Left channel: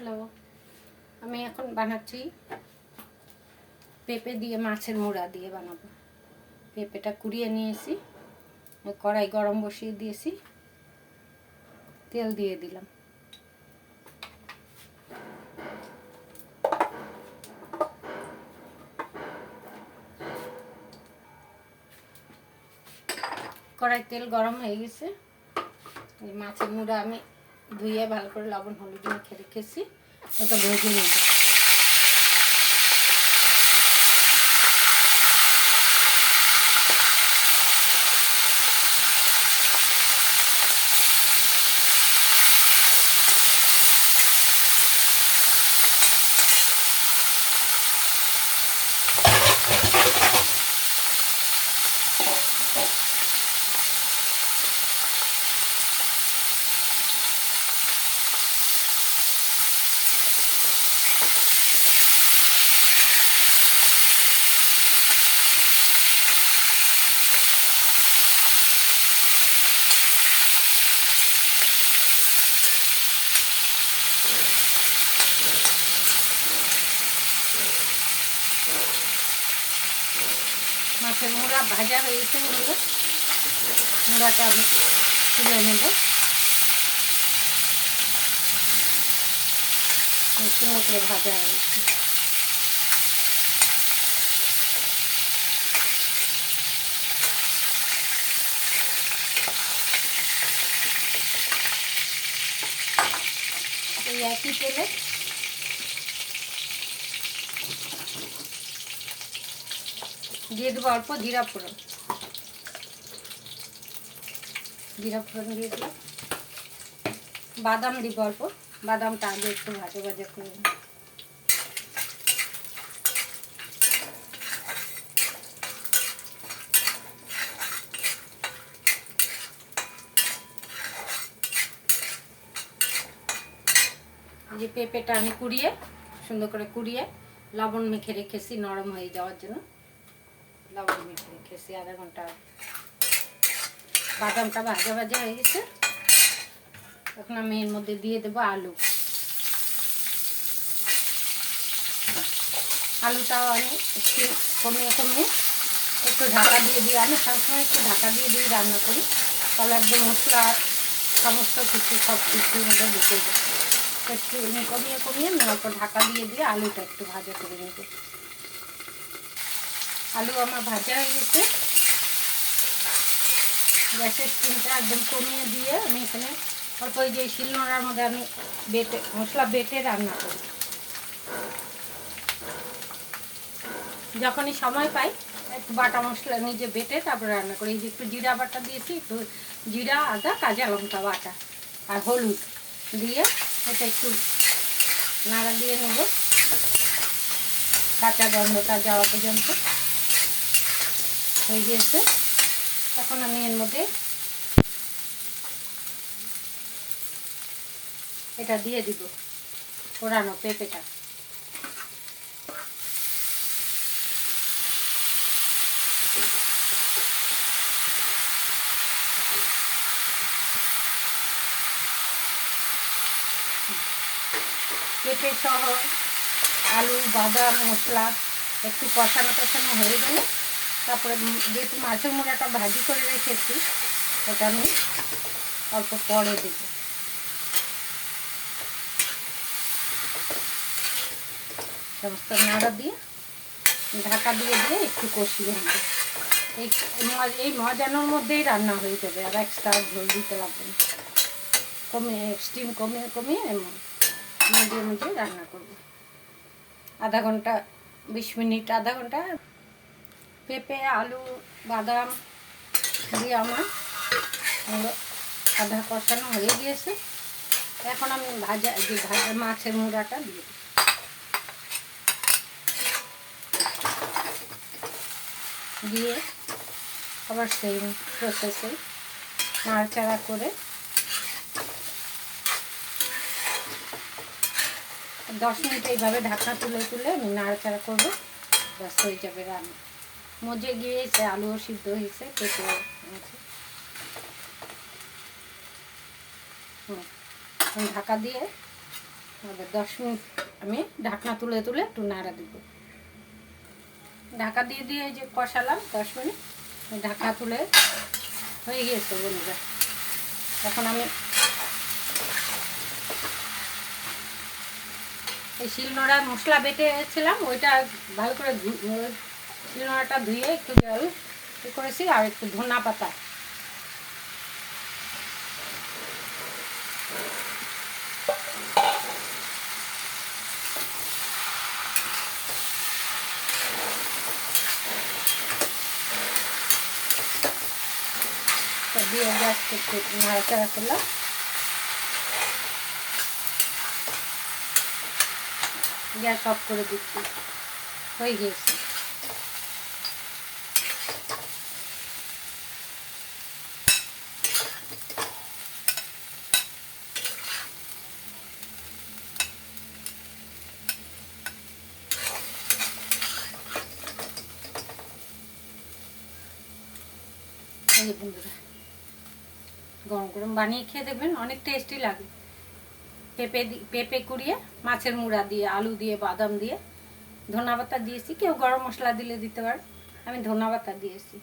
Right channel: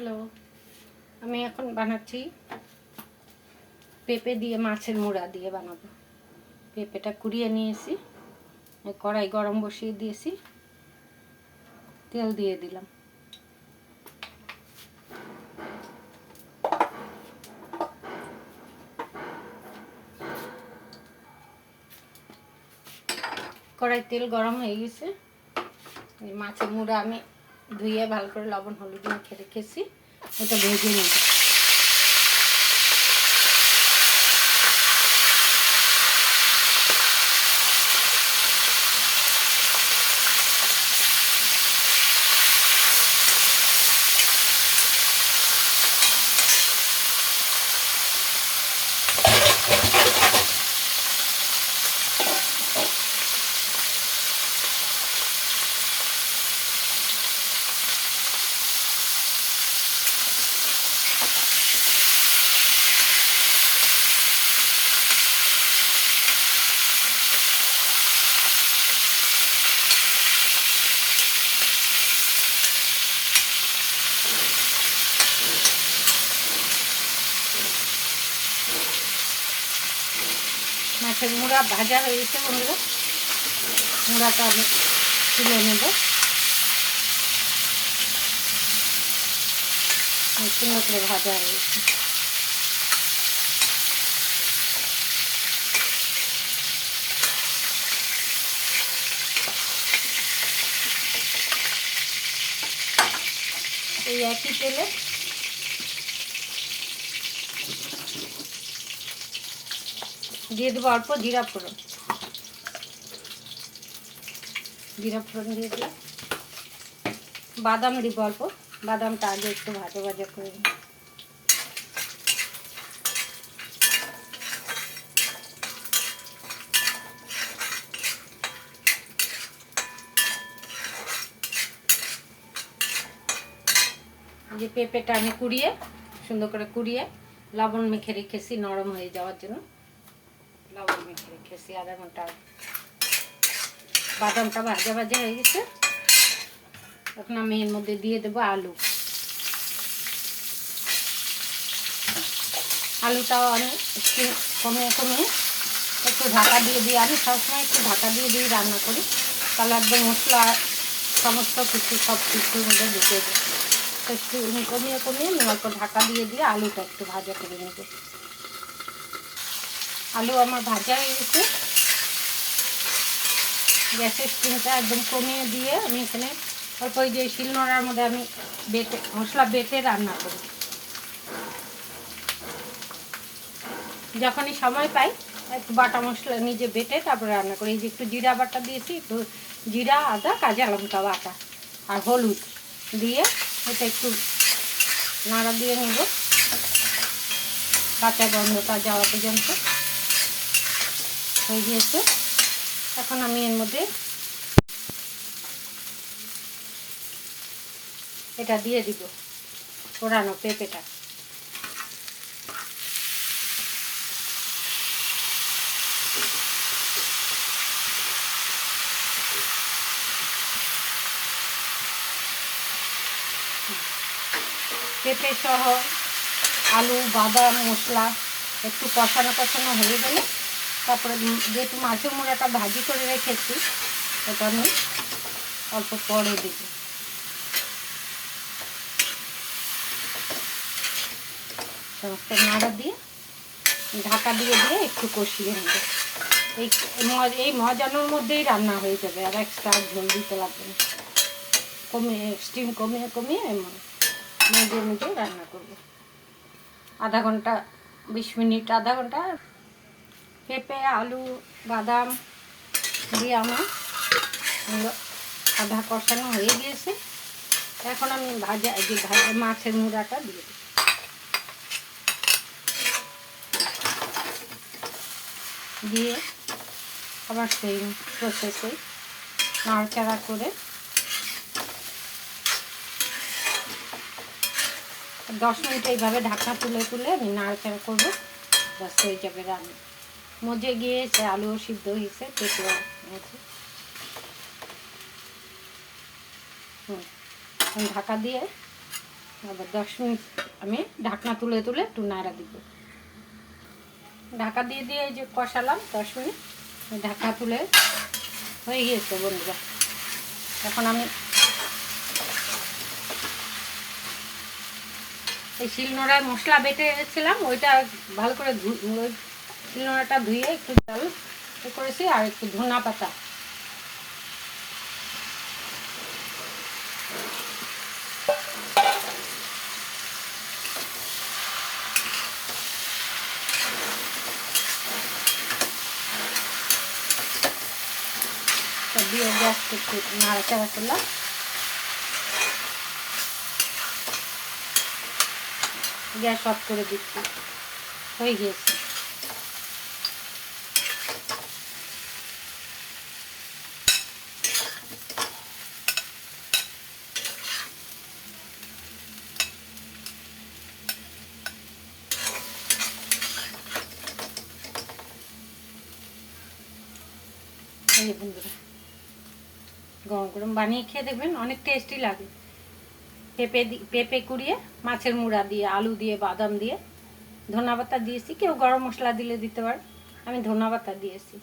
Hello, আমি এখন বানাচ্ছি পেঁপে দিয়ে মাছের মুড়া দিয়ে বানাবো। পেঁপেটা কুড়িয়ে নিয়েছি, কড়াই গরম বসিয়ে দিয়েছি, তেল দিয়ে দিলাম। কড়াই তেল গরম হয়ে গেছে। এই মাছের মুড়া আমি ধুয়ে ভালো করে লবণ হলুদ মেখে রেখেছি, এটা ভেজে নেব। মাছের মুড়া ভাজা হয়ে গেছে বন্ধুরা, মুড়াটা আমি তুলে নেব। সুন্দর করে ভাজা হয়ে গেছে। এই একই তেলে দিয়ে দেবো অল্প জিরা ফোড়ন। জিরা ফোড়ন দিয়ে দিলাম। বাদাম দিব অল্প, বাদামটা আগে একটু ভাজা ভাজা করে নিই। যে পেঁপেটা আমি কুড়িয়ে সুন্দর করে কুড়িয়ে লবণ মেখে রেখেছি নরম হয়ে যাওয়ার জন্য, লবণ মেখে রেখেছি আধা ঘন্টা। বাদামটা ভাজা ভাজা হয়ে গেছে, এখন আমি এর মধ্যে দিয়ে দেবো আলু। আলুটাও আমি একটু কমিয়ে কমিয়ে একটু ঢাকা দিয়ে দিই। আমি সবসময় একটু ঢাকা দিয়ে দিয়ে রান্না করি, তাহলে একদম মশলা সমস্ত কিছু সব কিছুর মধ্যে ঢুকে যায়। একটু কমিয়ে কমিয়ে আমি অল্প ঢাকা দিয়ে দিয়ে আলুটা একটু ভাজা করে নেব। আলু আমার ভাজা হয়ে গেছে। গ্যাসের স্টিমটা একদম কমিয়ে দিয়ে আমি এখানে অল্প ওই যে শিলনোড়ার মধ্যে আমি মশলা বেটে রান্না করি। যখনই সময় পাই একটু বাটা মশলা নিজে বেটে তারপরে রান্না করি। এই যে একটু জিরা বাটা দিয়েছি, একটু জিরা আদা কাঁচা লঙ্কা বাটা আর হলুদ দিয়ে এটা একটু নাড়া দিয়ে নেব কাঁচা গন্ধটা যাওয়া পর্যন্ত। হয়ে গিয়েছে, এখন আমি এর মধ্যে এটা দিয়ে দিব পোড়ানো পেঁপেটা। পেঁপে সহ আলু বাদাম মশলা একটু কষানো কষানো হয়ে গেলে তারপরে যেহেতু মাছের মুড়াটা ভাজি করে রেখেছি ওটা আমি অল্প পরে দেব। সমস্ত নাড়া দিয়ে ঢাকা দিয়ে দিয়ে একটু কষিয়ে নেব। এই মজানোর মধ্যেই রান্না হয়ে যাবে, আর এক্সট্রা ঝোল দিতে লাগবে না। কমিয়ে স্টিম কমিয়ে কমিয়ে মধ্যে মধ্যে রান্না করব। আধা ঘন্টা 20 মিনিট আধা ঘন্টা পেঁপে আলু বাদাম দিয়ে আমার আধা কষানো হয়ে গিয়েছে। এখন আমি ভাজা মাছের মুড়াটা দিয়ে দিই। দিয়ে আবার সেই প্রসেসে নাড়াচাড়া করে 10 মিনিট এইভাবে ঢাকনা তুলে তুলে আমি নাড়াচাড়া করবো, ব্যাস হয়ে যাবে রান্না। মজে গিয়েছে, আলুও সিদ্ধ হয়েছে, পেঁপেও আছে। ঢাকা দিয়ে আবার 10 মিনিট আমি ঢাকনা তুলে তুলে একটু নাড়া দিব। ঢাকা দিয়ে দিয়ে এই যে কষালাম 10 মিনিট, ঢাকা তুলে হয়ে গিয়েছে বন্ধুরা। এখন আমি এই শিলনোড়ায় মশলা বেটেছিলাম, ওইটা ভালো করে শিলনোড়াটা ধুয়ে একটু জল করেছি, আর একটু ধনা পাতা দিয়ে গ্যাস একটু নাড়াচাড়া করলাম। গ্যাস অফ করে দিচ্ছি, হয়ে গিয়েছে। এই বন্ধুরা গরম গরম বানিয়ে খেয়ে দেখবেন, অনেক টেস্টি লাগে। পেঁপে কুড়িয়ে মাছের মুড়া দিয়ে, আলু দিয়ে, বাদাম দিয়ে, ধনা পাতা দিয়েছি। কেউ গরম মশলা দিলে দিতে পারে, আমি ধনা পাতা দিয়েছি।